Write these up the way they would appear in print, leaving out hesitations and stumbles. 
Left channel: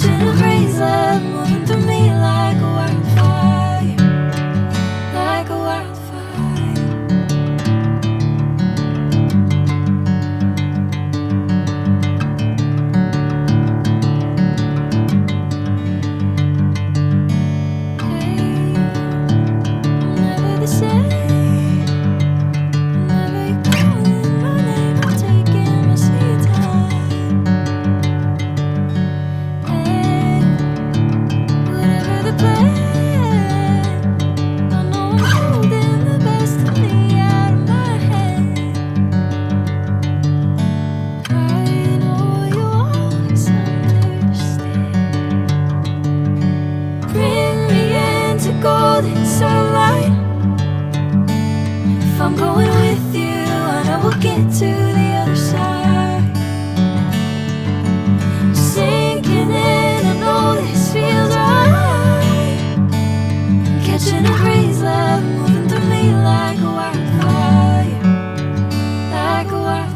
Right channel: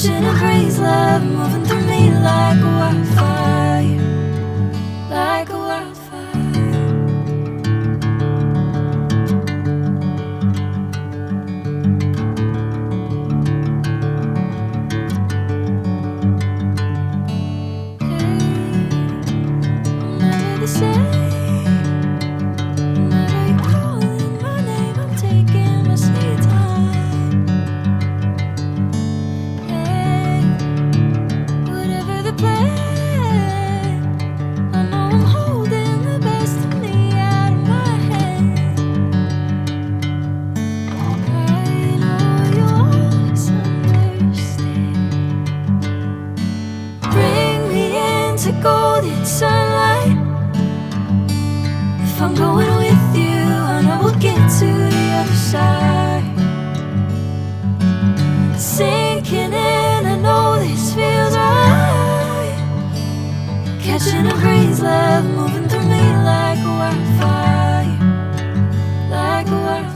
Catching a crazy love moving through me like a wildfire, like a wildfire. Hey, I'm never the same. Whenever you're calling my name, I'm taking my sweet time. Hey, whatever the plan, I know I'm holding the best of me out of my hand. I know you always understand. Bring me into golden sunlight. If I'm going with you, I know we'll get to the other side. Sinking in, I know this feels right. Catching a crazy love moving through me like a wildfire, like a wildfire.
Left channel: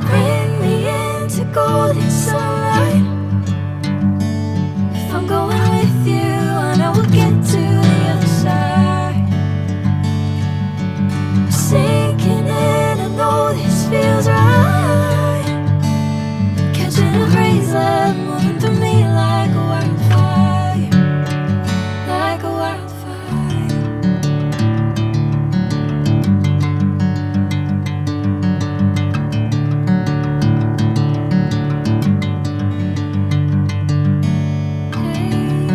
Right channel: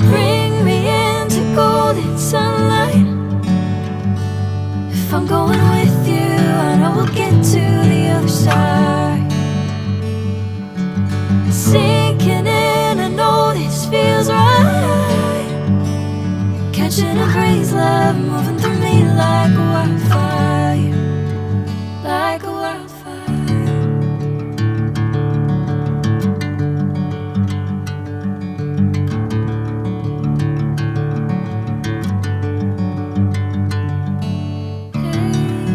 Bring me into golden sunlight. If I'm going with you, I know we'll get to the other side. Sinking in, I know this feels right. Catching a crazy love moving through me like a wildfire, like a wildfire. Hey,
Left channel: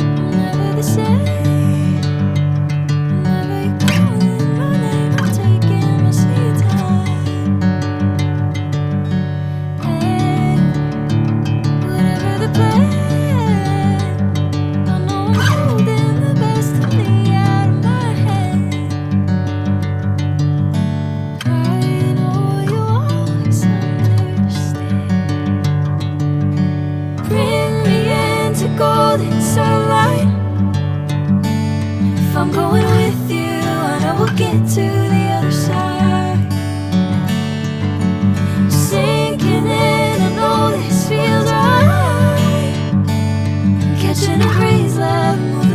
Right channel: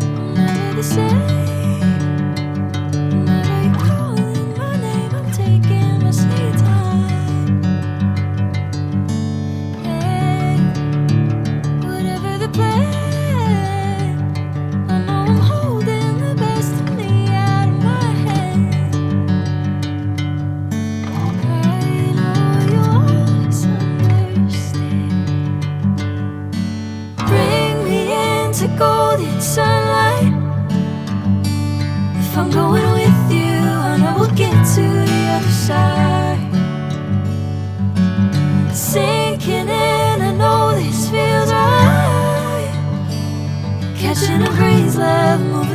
I'm never the same. Whenever you're calling my name, I'm taking my sweet time. Hey, whatever the plan, I know I'm holding the best of me out of my hand. I know you always understand. Bring me into golden sunlight. If I'm going with you, I know we'll get to the other side. Sinking in, I know this feels right. Catching a crazy love moving